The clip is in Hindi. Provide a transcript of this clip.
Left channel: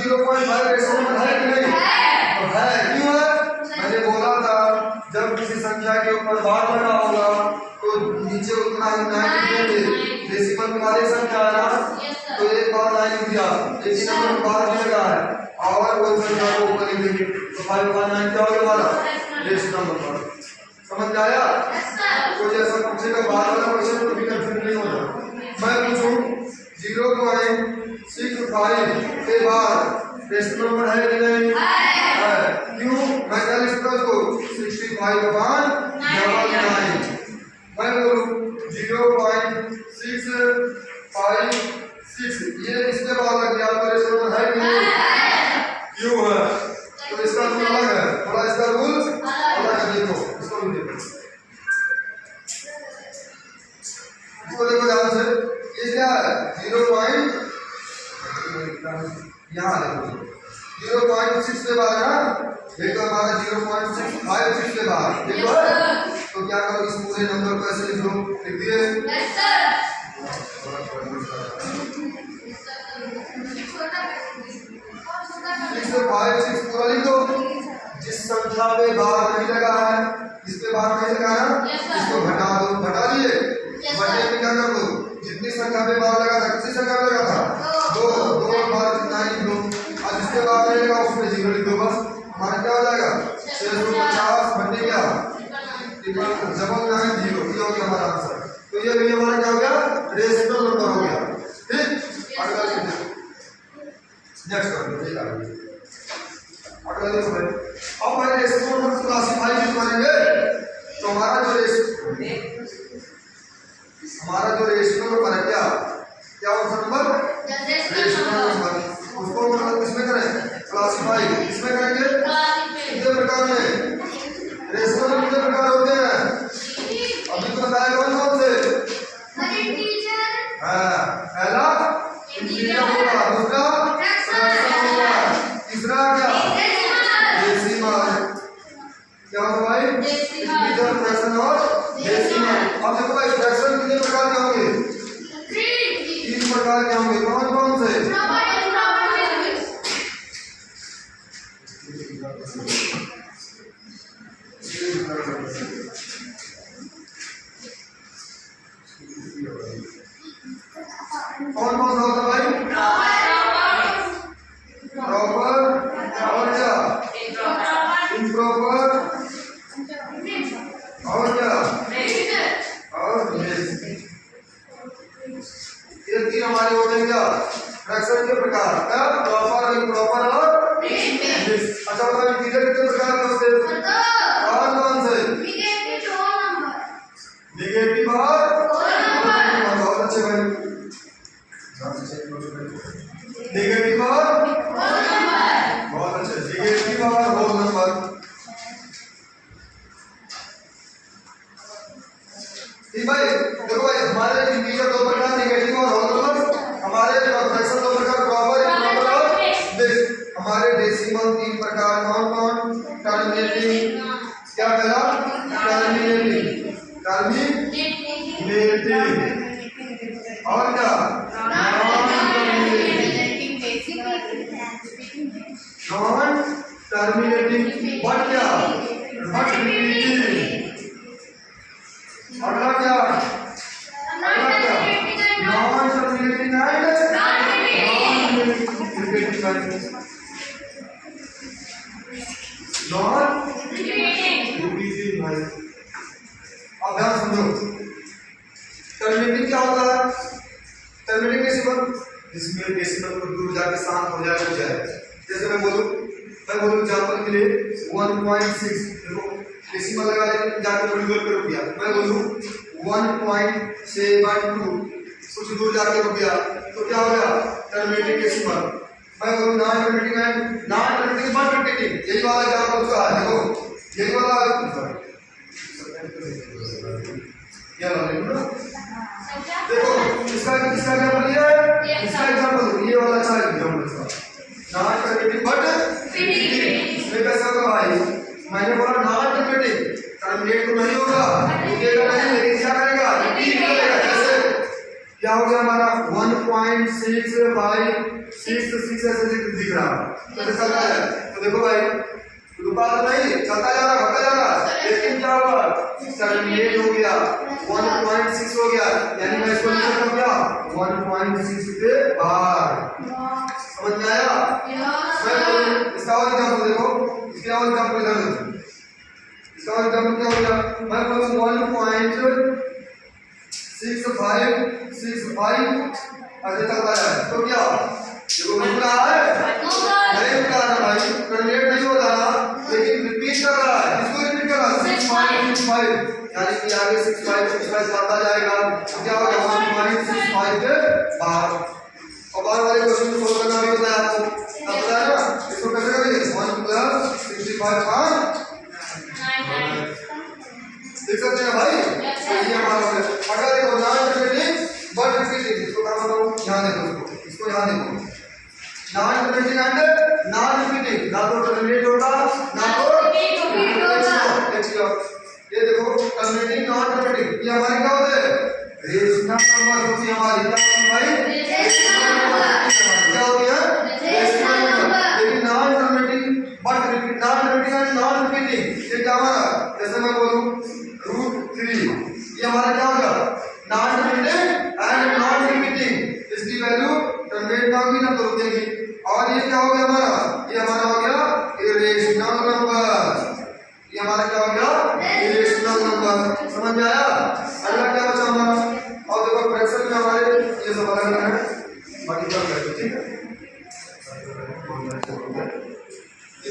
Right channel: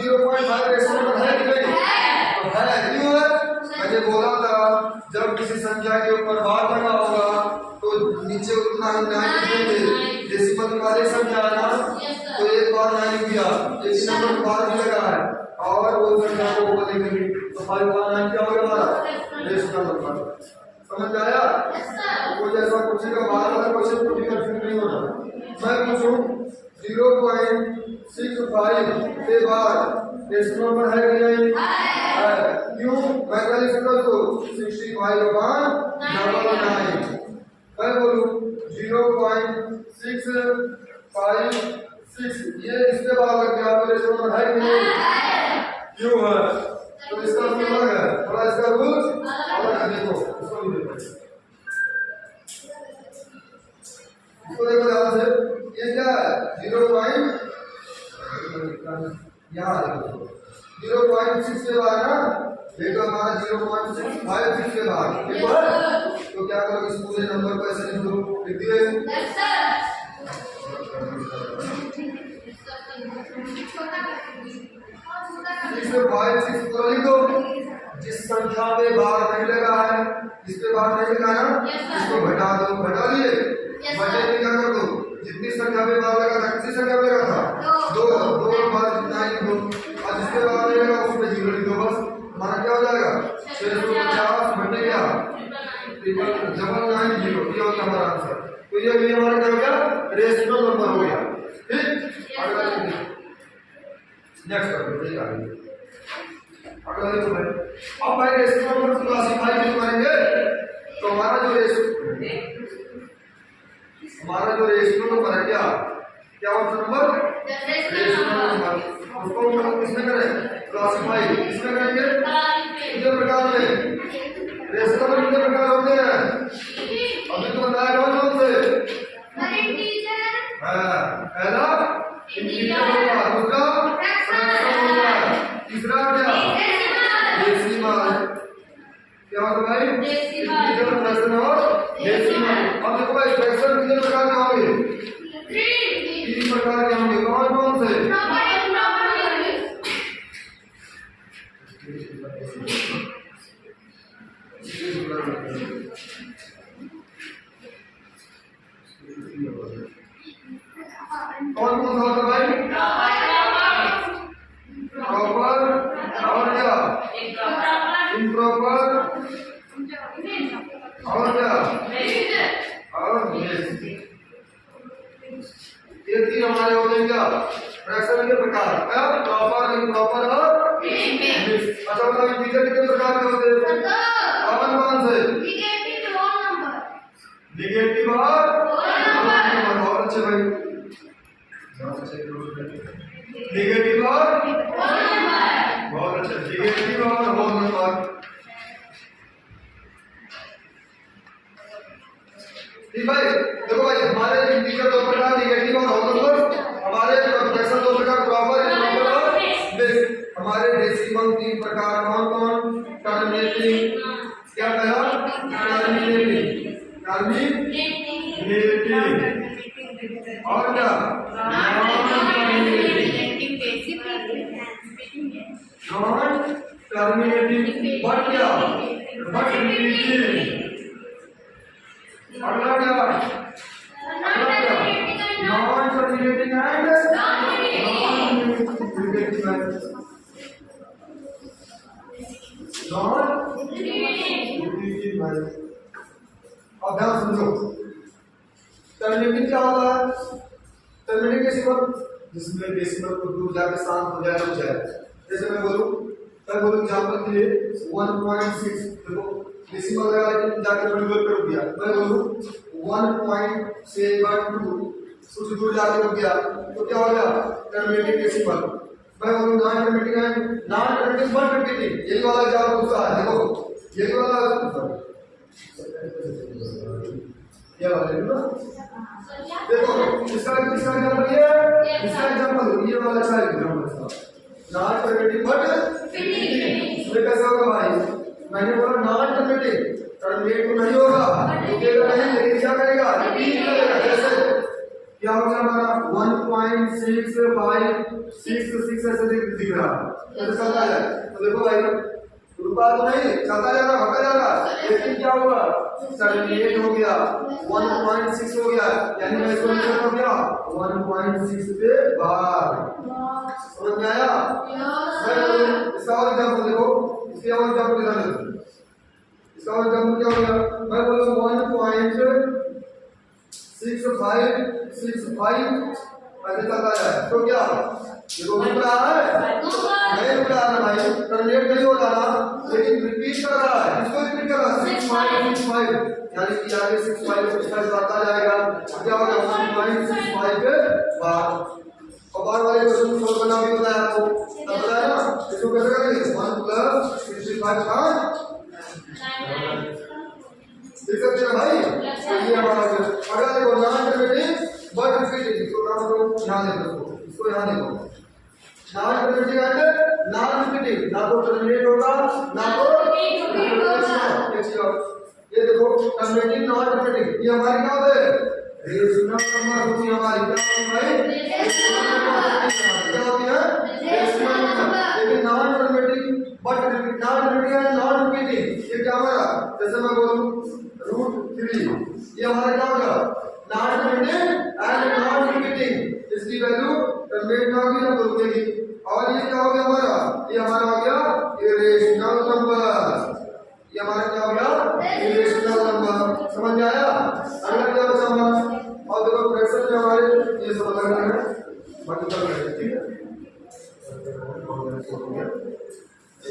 0.5 रेशनल नंबर है कि नहीं? तो है, क्यों है? मैंने बोला था जब किसी संख्या के ऊपर बार लगा होगा तो नीचे उतना ही 9 लिखेंगे। डेसिमल में वाली संख्या है ना, तो एक बार 9 लिख दिया, लेकिन नंबर बार भी लगा है और वो संख्या को ऊपर लिखेंगे तो 5 बार 9 क्या होगा हमारा रेशनल नंबर। समझ आया? कोई ऐसा पूछेगा बार वाला क्वेश्चन तो भी कंफ्यूज नहीं होगा। मैं पूछूं 0.65 के बाद रेशनल नंबर है कि नहीं? है। क्यों? मैं क्या लिख सकता हूं इसको 65/99। मैं बोलूं 0.656 ये इसके बाद लग गया तो रेशनल नंबर है कि नहीं? क्यों है? तो इसका रूल अलग है, थोड़ा इसका रूल अलग है। देखो इसको भी देखो, इसको देखो ध्यान से। ये क्या है 0. यहाँ देखो 0.6 के बाद ना, ये तो हमारा 0.656 के बाद देखो है। तो क्या करो इस पूरे नंबर को ऐसे लिख दो, लिख दिए? Yes sir. 656 पूरा लिख दो। जिस संख्या पे बार नहीं लगा है, जिस पे बार नहीं लगा है ना, इसको घटा दो। घटा दिए, बटे में क्या कर दो, जितनी संख्या पे बार लगा था, किसी संख्या पे लगा था 2 बार जितना लिख दो, और जिसके बाद नहीं लगा उसमें 0 लिख दो। बस हमारा क्या हो जाएगा 650 बटे क्या 999 0। ये हो गया हमारा आंसर। तो ये भी हमारा क्या हो गया रेशनल नंबर हो गया। ठीक, अगला लिख दो, नेक्स्ट कर दो। अगला देखो भाई, अब भाई रेशनल नंबर को क्लासिफाई क्यों करेंगे? तो हमारा जो रेशनल नंबर है क्या होता नंबर रेशनल नंबर, उसको मतलब किसमें करें क्लासिफाई, किसमें करेंगे? कितने प्रकार में रेशनल नंबर कितने प्रकार होते हैं? अभी तो बताया कौन से? पहला इंटीजर होगा, दूसरा फ्रैक्शन होगा, तीसरा क्या डेसिमल। क्या होता भाई? इंटीजर, फ्रैक्शन और डेसिमल। अब देखो भाई फ्रैक्शन कितने प्रकार के होंगे? 3 प्रकार के होंगे। कौन कौन से? कौन कौन सा होता भाई? प्रॉपर और क्या इम्प्रॉपर और क्या और ये 3 हमारे होते हैं क्या फ्रैक्शन के प्रकार, प्रॉपर, इम्प्रॉपर और मिक्स। अच्छा बताओ इंटीजर कितने प्रकार के होते हैं? कौन कौन से? नेगेटिव और बहुत अच्छे भाई, नेगेटिव और बहुत अच्छा, नेगेटिव और होल नंबर। ठीक भाई, देखो भाई हमारे इंटीजर 2 प्रकार नेगेटिव और होल नंबर, हमारे फ्रैक्शन 2 प्रकार प्रॉपर, इम्प्रॉपर और मिक्स। हमारे डेसिमल 3 प्रकार कौन कौन? टर्मिनेटिंग, क्या पहला टर्मिनेटिंग और क्या नॉन टर्मिनेटिंग बट क्या बट रिपीटिंग। अगला क्या non terminating and non repeating भाई। अब ध्यान समझो, टर्मिनेटिंग क्या होता है? टर्मिनेटिंग डेसिमल जिसमें डेसिमल को दूर जाके शांत हो जाए। जैसे मैं बोलूं एग्जांपल के लिए 1.6, देखो डेसिमल लगा लेकिन जाके मल्टीप्लाई कर दिया। मैं बोलूं 1.72, कुछ दूर जाके रुक गया तो क्या हो गया टर्मिनेटिंग डेसिमल। मैं बोलूं नॉन टर्मिनेटिंग बट रिपीटिंग, यही वाला एग्जांपल उसका है। देखो यही वाला देखो इसका एग्जांपल ये है, इसका एग्जांपल ये वाला अच्छा एग्जांपल इसका नॉन टर्मिनेटिंग बट रिपीटिंग। इसमें कैसा होगा भाई? मैंने बोला नॉन टर्मिनेटिंग, टर्मिनेट तो नहीं होगा, रुकेगा नहीं, लेकिन क्या करेगा रिपीट करेगा। जैसे क्या हो गया हमारा 1.6566 ऐसे दिख दिख रहा कैसे चलता है। तो देखो भाई रुका तो नहीं, चलता जा रहा, होता जा रहा, लेकिन क्या हुआ टर्मिनेट हो गया 1.6 हो गया, यानी मैं इसको लिख सकता हूं क्या 1.6 के बाहर। समझ में आया? इसका और एग्जांपल देखो, इसके और एग्जांपल इधर देखो, इसका और एग्जांपल क्या हो गया, मैं बोलूं 1.6565 ऐसे चलता है तो क्या देखो रुक रहा है नहीं रुक रहा है भाई, टर्मिनेट नहीं हो रहा लेकिन रिपीट कर रहा है। इसको रिपीट कर रहा है 6565, यानी कि आगे 6565 बढ़ता जाएगा, क्या हो गया 1.65 के बाहर। और बाहर वाले क्वेश्चन को सोल्व करना भी होता है आपको, तब बताया ना इसको कैसे करेंगे 1 + 65 देख सकते हैं भाई। ये हमारा अगर देखो नॉन रिपीटिंग बट रिपीटिंग, इसको क्या मतलब ध्यान देखो, इसको ध्यान देखो non repeating and non repeating, ना तो टर्मिनेट होगा ना तो रिपीट होगा। ये देखो टर्मिनेटिंग नॉन रिपीटिंग ये हमारी क्या होते हैं रेशनल नंबर होती है हमारी, क्या होती है भाई क्या होती है रेशनल नंबर। लेकिन non terminating but repeat non repeating and non repeating ये क्या हमारा, जैसे मैं बोलूं √3 ये हमारा क्या होगा non terminating and non repeating, इसकी वैल्यू टर्मिनेट ना होगी ना तो रुकेगी। और ये क्या हो गया हमारा, ये हमारा हो गया इरेशनल नंबर, ये हमारा क्या हो गया इरेशनल नंबर। समझ में आया? अगला क्या बचा हमारा, और देखो फ्रैक्शन में हमारे ये सब अलग है बाकी सब